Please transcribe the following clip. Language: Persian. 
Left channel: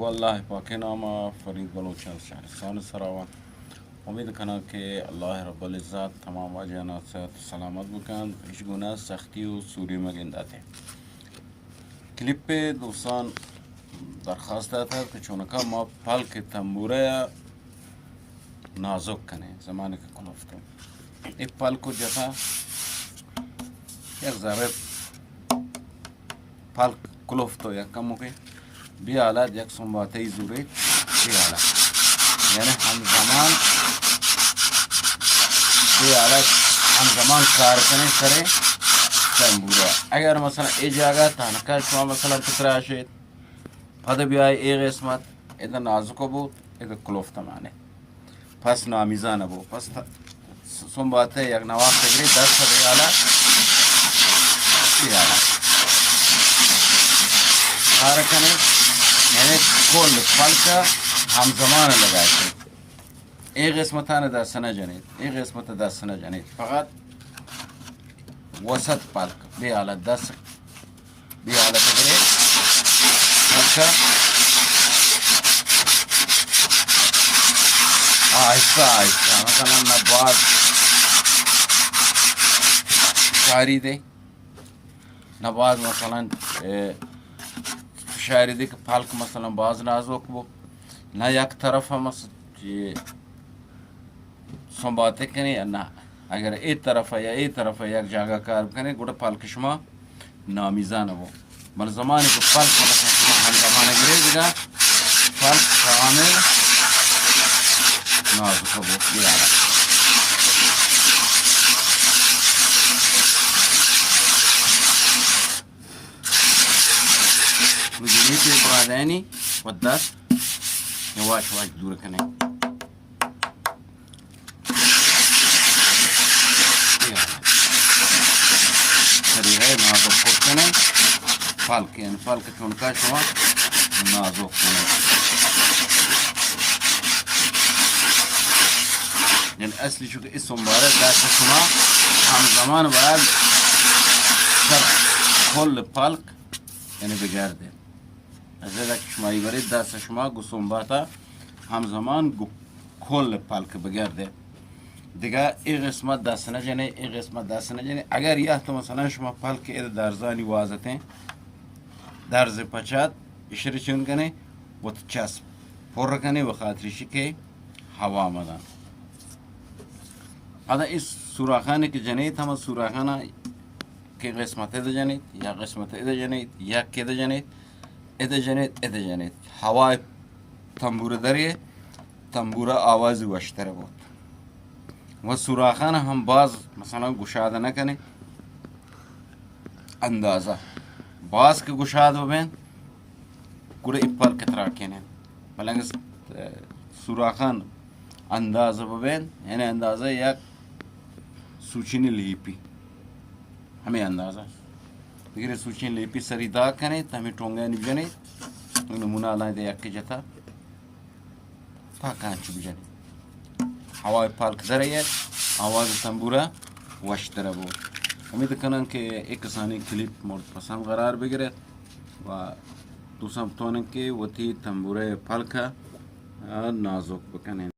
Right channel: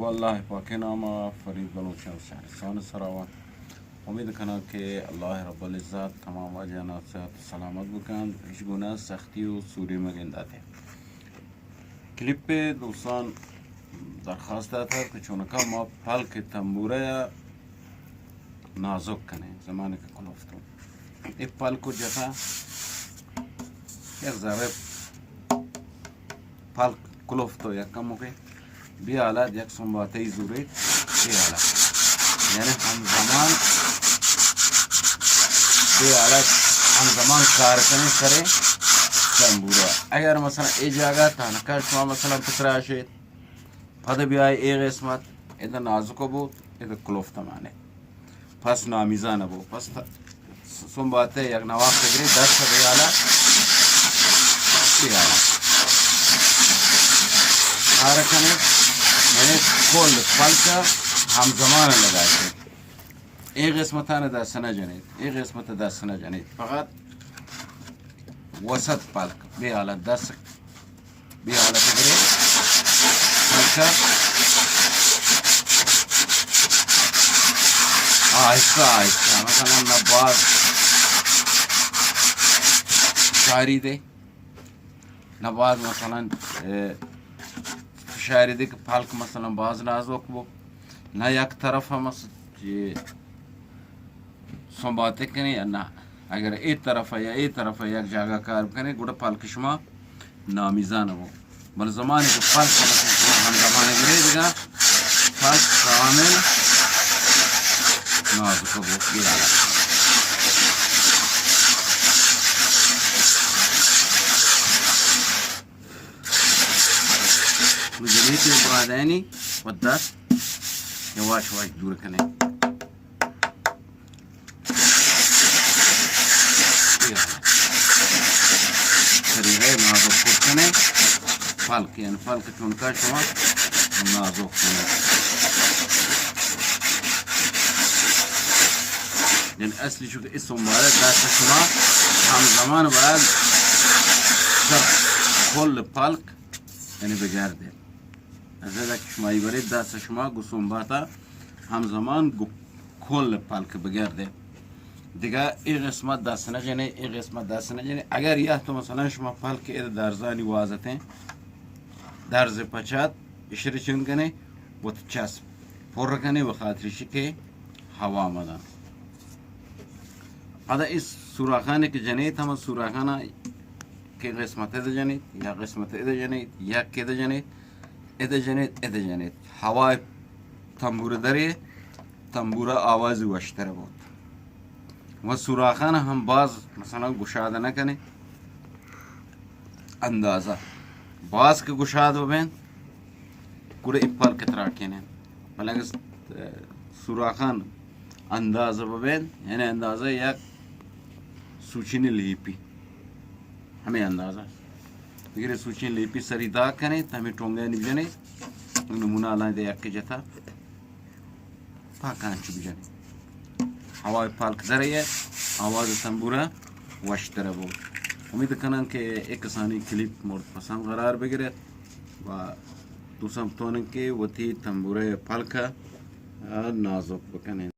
والله باقی نام فرید بلوچستان شهرستان سراوان. امید کنم که الله رب العزت تمام وجهانات صحت و سلامت بکن، هیچ گونه سختی و سوری مگنداته. کلیپ دوستان درخواست داده که چونکا ما پلک تنبوره نازک کنه زمانی که کلفتم این پلکو جتا یک ذره پلک کلفتو یک کمو که بیالد یک سنباته زورید بیالد یعنی همزمان کار کنه سره تنبوره. اگر مثلا ای جاگه تانکه شما مثلا پتره شید پده بیای ای قسمت ایده نازکو بود ایده کلفته مانه پس نامیزانه بود. پس سنباته یک نواق بگیری دست بیالد کار کنه یعنی کل پلکه همزمان لگاید. این قسمتانه دست نجنید، این قسمت دست نجنید، فقط وسط پلک بیالد دست بیالد بگیری پلکه آهسته آهسته مثلا نباز شاریده نباز مثلا شاریده که پلک مثلا باز نازک بود نه یک طرف هم سنباته کنی یا نه. اگر ای طرف یا ای طرف یک جاگه کار کنی گوڑه پلک شما نامیزانه بود. بل زمانی که پلک مثلا شما هم زمانه گره دیگه پلک کامل نازک بود بیاره. وجلیتی برادانی و دست یواش واش دور کنه طریقه نازک خود کنه پلک یعنی پلک چونکه شما نازک کنه یعنی اصلی چون که اسم باره دست شما همزمان باید سر کل پلک یعنی بگرده. از این که شمایی برید دست شما گسون باتا همزمان کل پلک بگرده دیگه این قسمت دست نجنه این قسمت دست نجنه. اگر یه تو مثلا شما پلک اید درزانی وازته درز پچات اشاره چون کنه و چسب پر کنه و خاطرشی که هوا آمدن حالا این سوراخانه که جنید همه سوراخانه که قسمت اید جنید یا قسمت اید جنید یک که جنید اید جنید هوای تنبوره داره تنبوره آواز وشتره بود و سوراخانه هم باز مثلا گشاده نکنه اندازه باز که گشاده ببین گوره این پلک تراکنه بلنگ سوراخان اندازه ببین یعنی اندازه یک سوچینی لیپی همه اندازه دیگه سوچین لیپی سری دا کنه تا همه ٹونگه نجنه نمونه الان ده یک جتا پاکانچی بجنه هوای پلک داره آواز تنبوره وشتره بود. امید کنم که یک کسانی کلیپ مورد پسند قرار بگیرد و دوستم تونن که وتی تنبوره پلک نازک بکنن.